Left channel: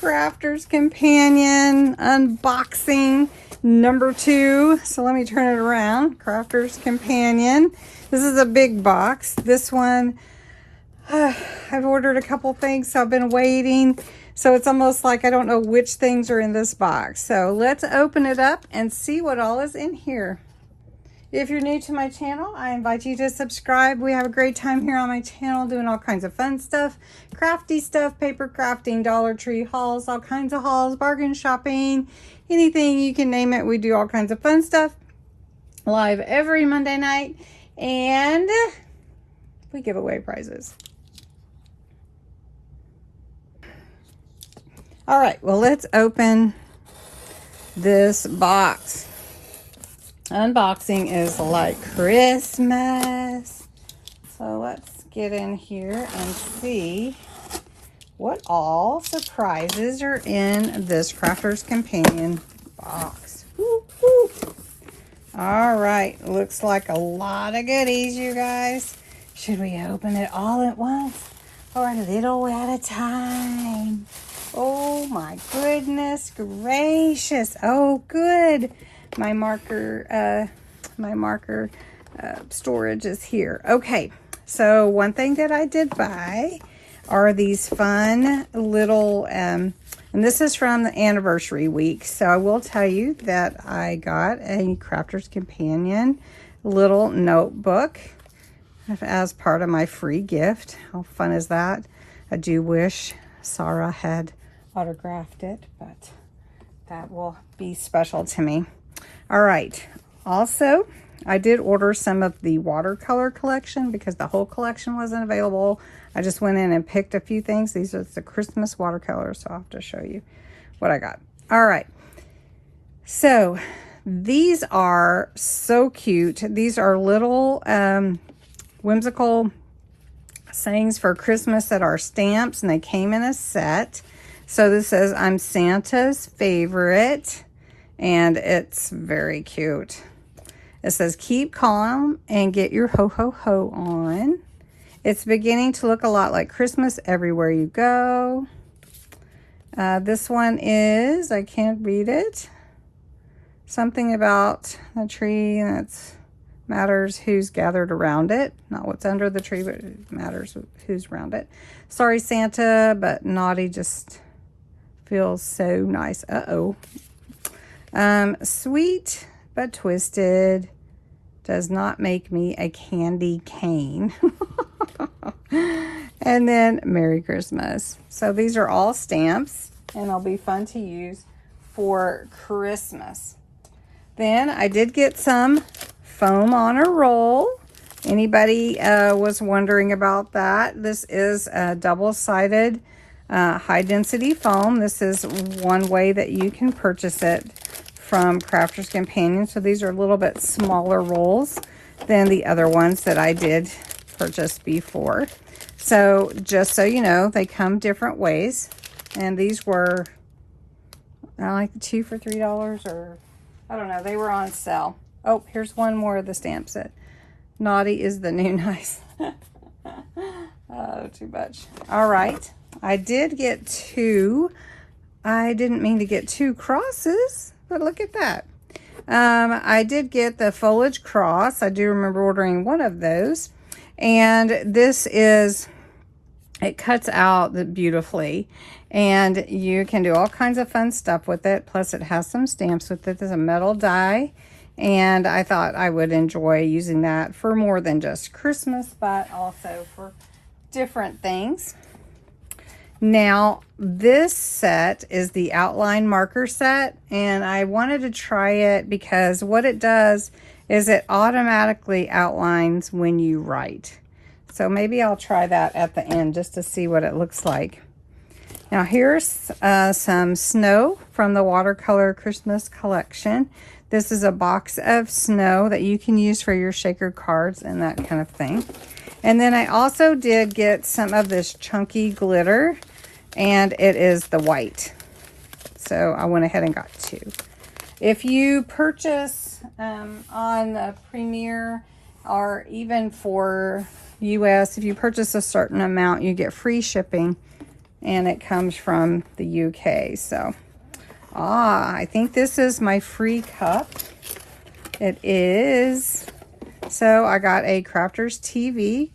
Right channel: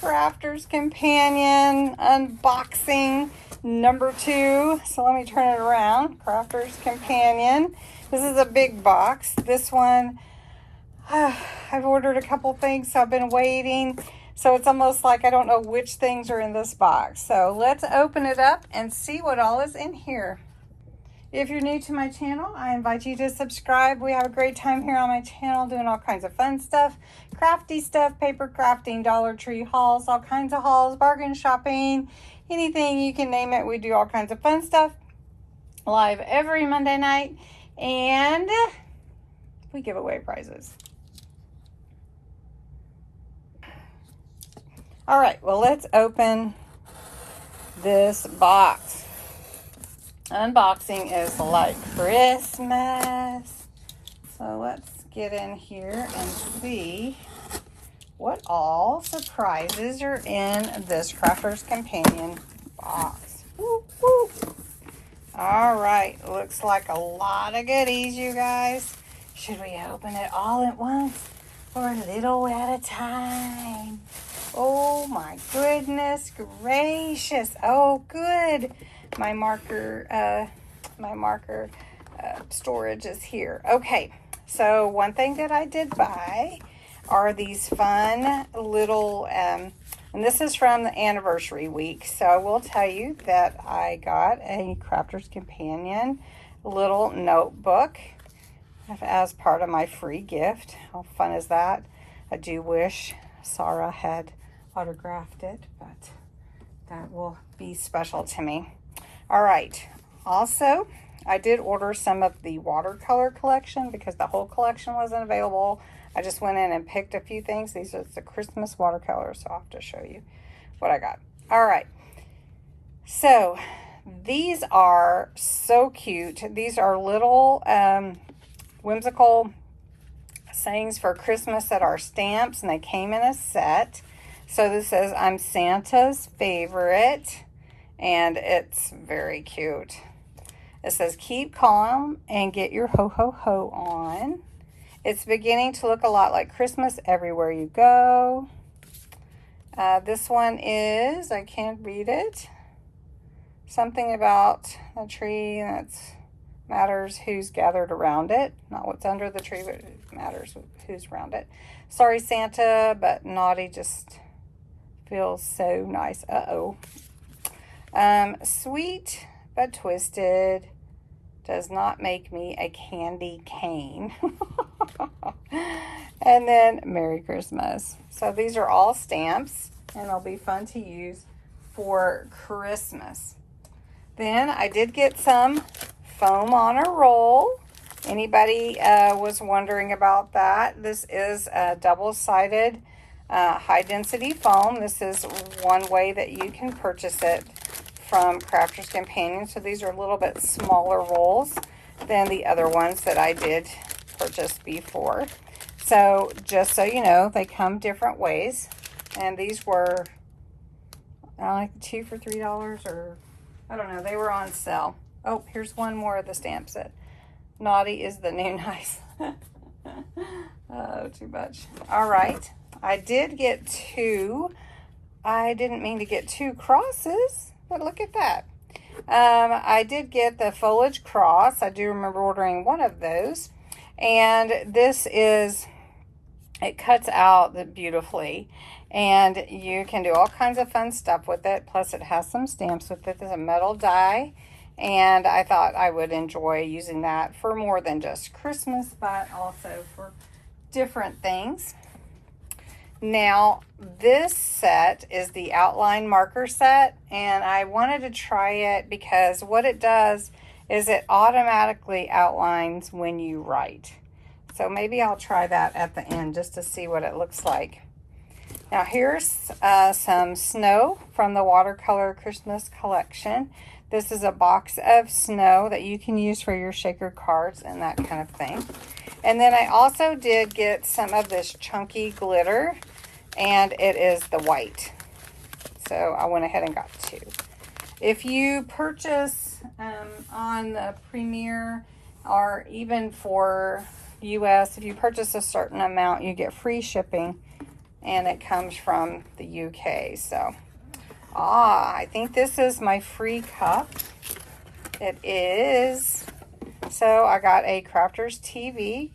Crafter's Companion unboxing number 2. So let me turn it around. Crafter's Companion. This is a big box. This one, I've ordered a couple things, so I've been waiting. So it's almost like I don't know which things are in this box. So let's open it up and see what all is in here. If you're new to my channel, I invite you to subscribe. We have a great time here on my channel doing all kinds of fun stuff, crafty stuff, paper crafting, Dollar Tree hauls, all kinds of hauls, bargain shopping, anything you can name it. We do all kinds of fun stuff live every Monday night, and we give away prizes. All right, well, let's open this box. Unboxing is like Christmas. So let's get in here and see what all surprises are in this Crafter's Companion box. Woo, woo. All right, looks like a lot of goodies, you guys. Should we open it all at once or a little at a time? Oh my goodness gracious. Oh, good. My marker storage is here. Okay, so one thing that I did buy are these fun little, and this is from the anniversary week. So I will tell you that I got a Crafter's Companion little notebook as part of my free gift. How fun is that? I do wish Sarah had autographed it, but that will be special to me. All right, also I did order some of the watercolor collection because the whole collection wasn't available. I just went in and picked a few things. These are the Christmas watercolors, so I'll have to show you what I got. All right, so these are so cute. These are little whimsical sayings for Christmas that are stamps, and they came in a set. So this says, "I'm Santa's favorite," and it's very cute. It says, "Keep calm and get your ho ho ho on. It's beginning to look a lot like Christmas everywhere you go." This one is, I can't read it. Something about the tree that matters who's gathered around it. Not what's under the tree, but it matters who's around it. "Sorry, Santa, but naughty just feels so nice." Uh-oh. "Sweet but twisted does not make me a candy cane." And then "Merry Christmas." So these are all stamps, and they'll be fun to use for Christmas. Then I did get some foam on a roll. Anybody was wondering about that? This is a double-sided high density foam. This is one way that you can purchase it from Crafter's Companion. So these are a little bit smaller rolls than the other ones that I did purchase before. So just so you know, they come different ways. And these were, I like 2 for $3, or I don't know, they were on sale. Oh, here's one more of the stamp set. "Naughty is the new nice." Oh, too much. All right. I did get 2. I didn't mean to get 2 crosses, but look at that. I did get the foliage cross. I do remember ordering one of those. And this is, it cuts out beautifully. And you can do all kinds of fun stuff with it. Plus it has some stamps with it. There's a metal die. And I thought I would enjoy using that for more than just Christmas, but also for different things. Now, this set is the outline marker set, and I wanted to try it because what it does is it automatically outlines when you write. So maybe I'll try that at the end just to see what it looks like. Now here's some snow from the watercolor Christmas collection. This is a box of snow that you can use for your shaker cards and that kind of thing. And then I also did get some of this chunky glitter, and it is the white. So I went ahead and got 2. If you purchase on the Premier, or even for US, if you purchase a certain amount, you get free shipping and it comes from the UK. So, I think this is my free cup. It is. So I got a Crafters TV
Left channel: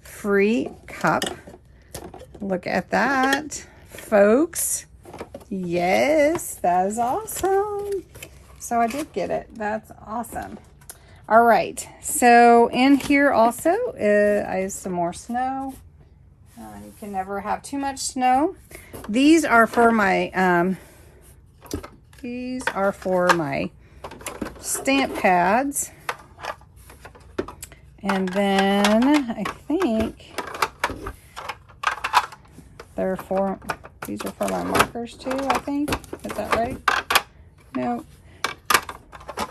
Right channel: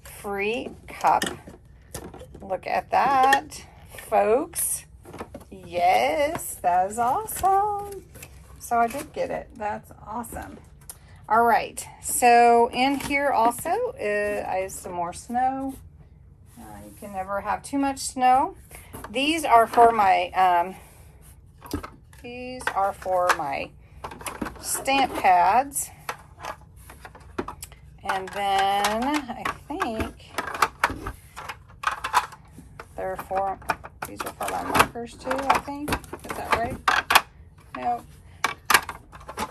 free cup. Look at that, folks. Yes, that is awesome. So I did get it. That's awesome. All right, so in here also, I have some more snow. You can never have too much snow. These are for my stamp pads. And then I think these are for my markers too, I think. Is that right? No.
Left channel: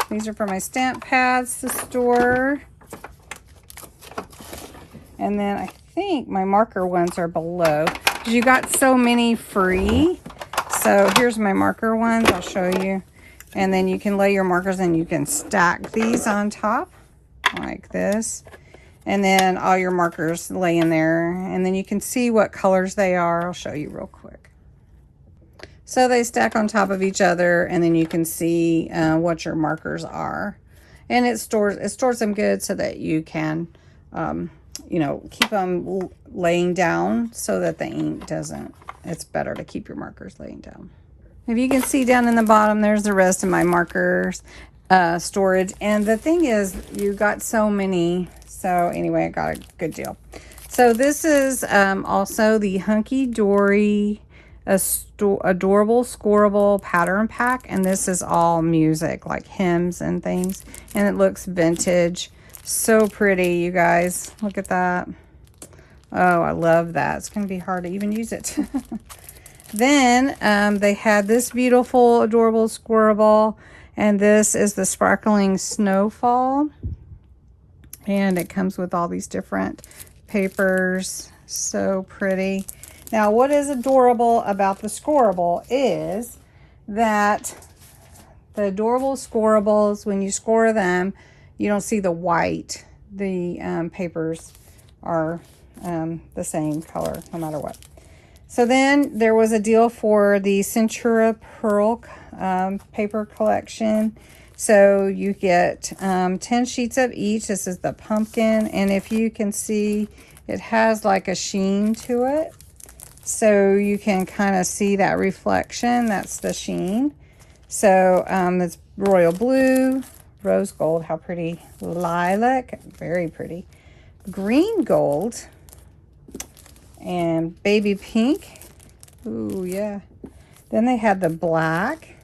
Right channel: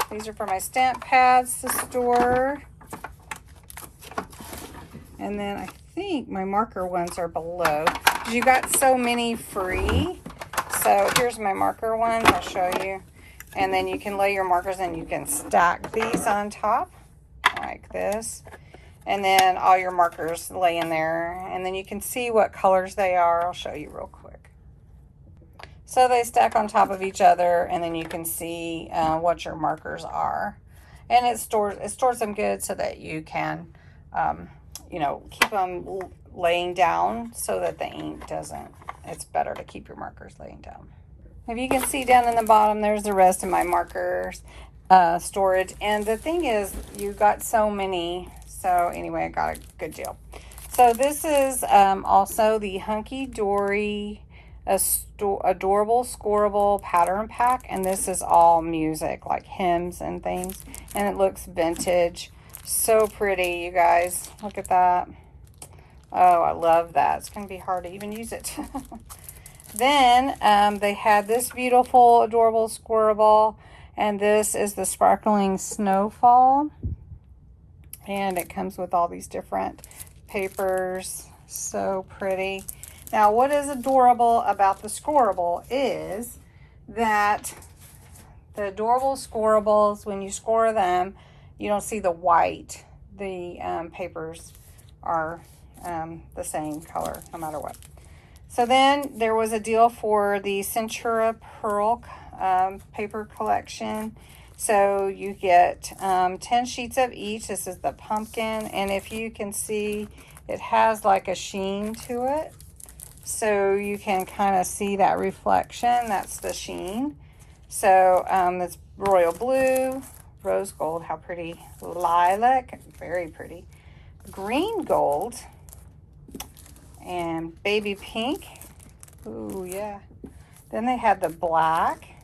These are for my stamp pads to store. And then I think my marker ones are below. You got so many free. So here's my marker ones. I'll show you. And then you can lay your markers and you can stack these on top like this. And then all your markers lay in there. And then you can see what colors they are. I'll show you real quick. So they stack on top of each other, and then you can see what your markers are. And it stores them good so that you can, you know, keep them laying down so that the ink doesn't. It's better to keep your markers laying down. If you can see down in the bottom, there's the rest of my markers storage. And the thing is, you got so many. So anyway, I got a good deal. So this is also the Hunky Dory Adorable Scoreable Pattern Pack, and this is all music, like hymns and things, and it looks vintage. So pretty, you guys. Look at that. Oh, I love that. It's gonna be hard to even use it. Then they had this beautiful Adorable Squirrel, and this is the Sparkling Snowfall, and it comes with all these different papers. So pretty. Now, what is adorable about the scoreable is that the adorable scoreables, when you score them, you don't see the white. The papers are the same color no matter what. So then there was a deal for the Centura Pearl paper collection. So you get 10 sheets of each. This is the pumpkin, and if you can see, it has like a sheen to it. So you can kind of see that reflection. That's the sheen. So it's royal blue, rose gold, how pretty, lilac, very pretty, green gold, and baby pink. Ooh, yeah. Then they had the black,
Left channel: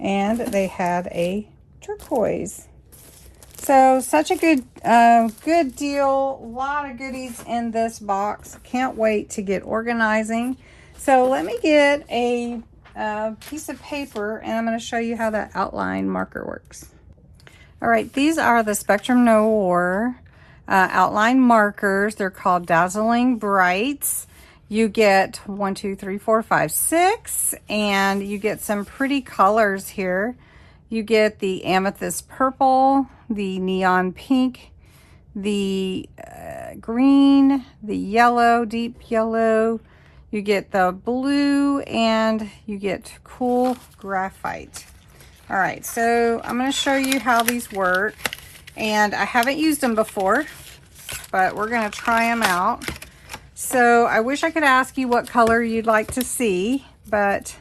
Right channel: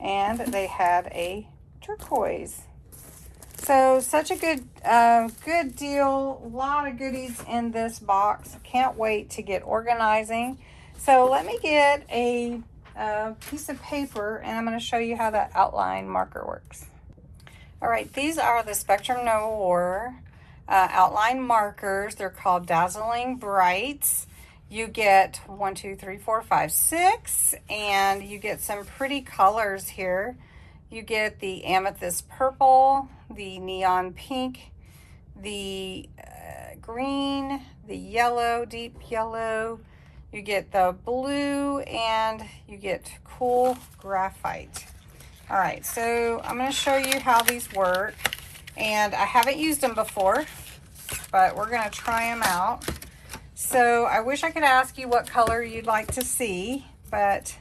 and they had a turquoise. So such a good good deal. A lot of goodies in this box. Can't wait to get organizing. So let me get a piece of paper, and I'm going to show you how that outline marker works. All right, these are the Spectrum Noir outline markers. They're called Dazzling Brights. You get 1, 2, 3, 4, 5, 6, and you get some pretty colors here. You get the amethyst purple, the neon pink, the green, the yellow, deep yellow. You get the blue, and you get cool graphite. All right, so I'm going to show you how these work. And I haven't used them before, but we're going to try them out. So I wish I could ask you what color you'd like to see, but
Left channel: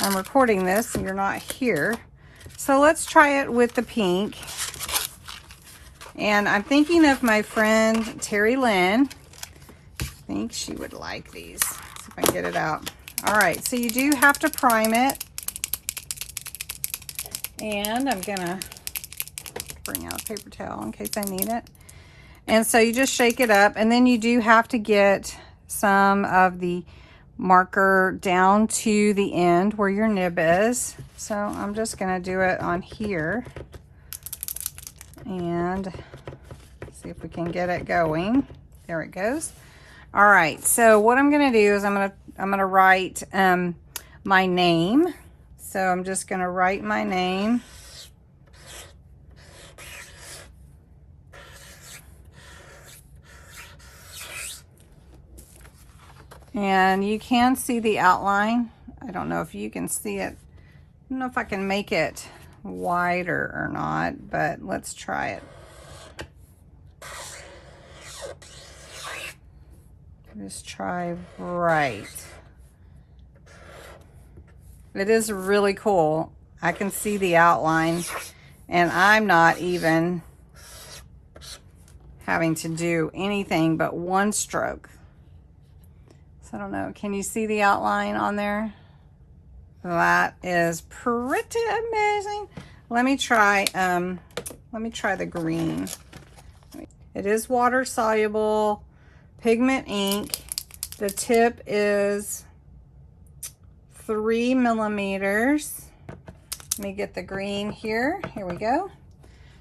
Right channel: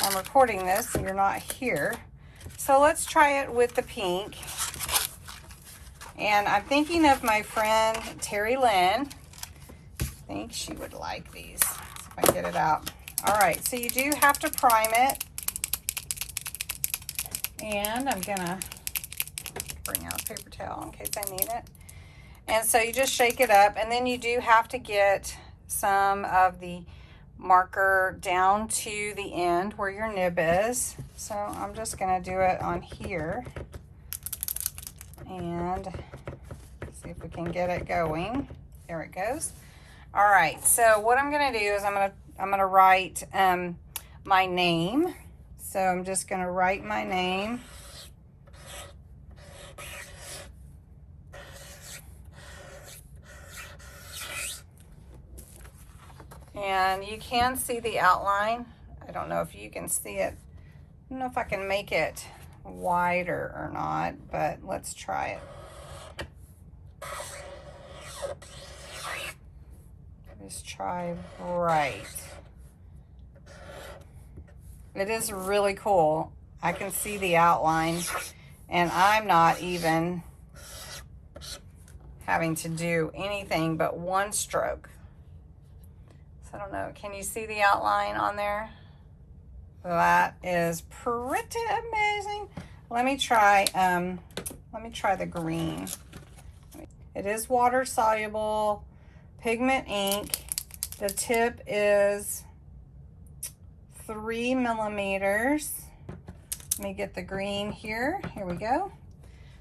I'm recording this, so you're not here. So let's try it with the pink. And I'm thinking of my friend Terry Lynn. I think she would like these. Let's see if I can get it out. All right, so you do have to prime it. And I'm gonna bring out a paper towel in case I need it. And so you just shake it up, and then you do have to get some of the marker down to the end where your nib is. So I'm just gonna do it on here and see if we can get it going. There it goes. All right, so what I'm gonna do is I'm gonna write my name. So I'm just gonna write my name. And you can see the outline. I don't know if you can see it. I don't know if I can make it wider or not, but let's try it. Just try right. It is really cool. I can see the outline, and I'm not even having to do anything but one stroke. So I don't know, can you see the outline on there? That is pretty amazing. Let me try the green. It is water soluble, pigment ink. The tip is 3 millimeters. Let me get the green here. Here we go.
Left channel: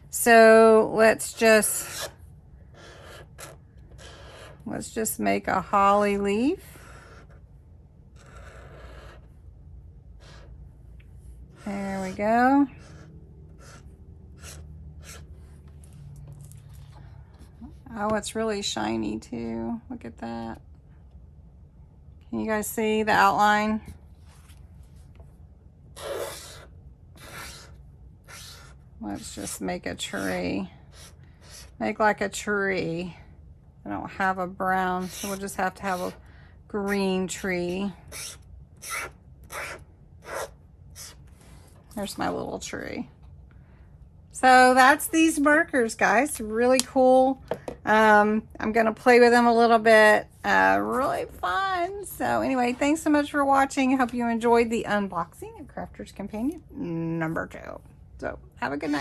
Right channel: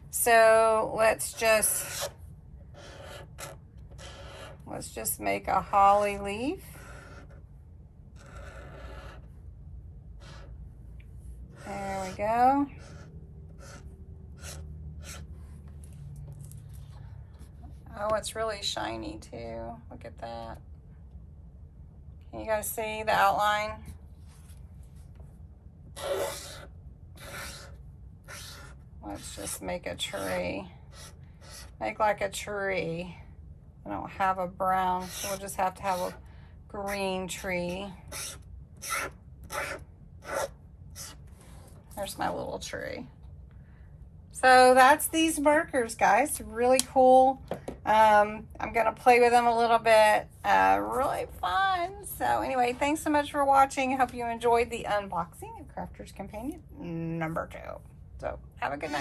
So let's just make a holly leaf. There we go. Oh, it's really shiny too. Look at that. Can you guys see the outline? Let's just make a tree. Make like a tree. I don't have a brown, so we'll just have to have a green tree. There's my little tree. So that's these markers, guys. Really cool. I'm gonna play with them a little bit. Really fun. So anyway, thanks so much for watching. I hope you enjoyed the unboxing of Crafter's Companion number 2. So have a good night.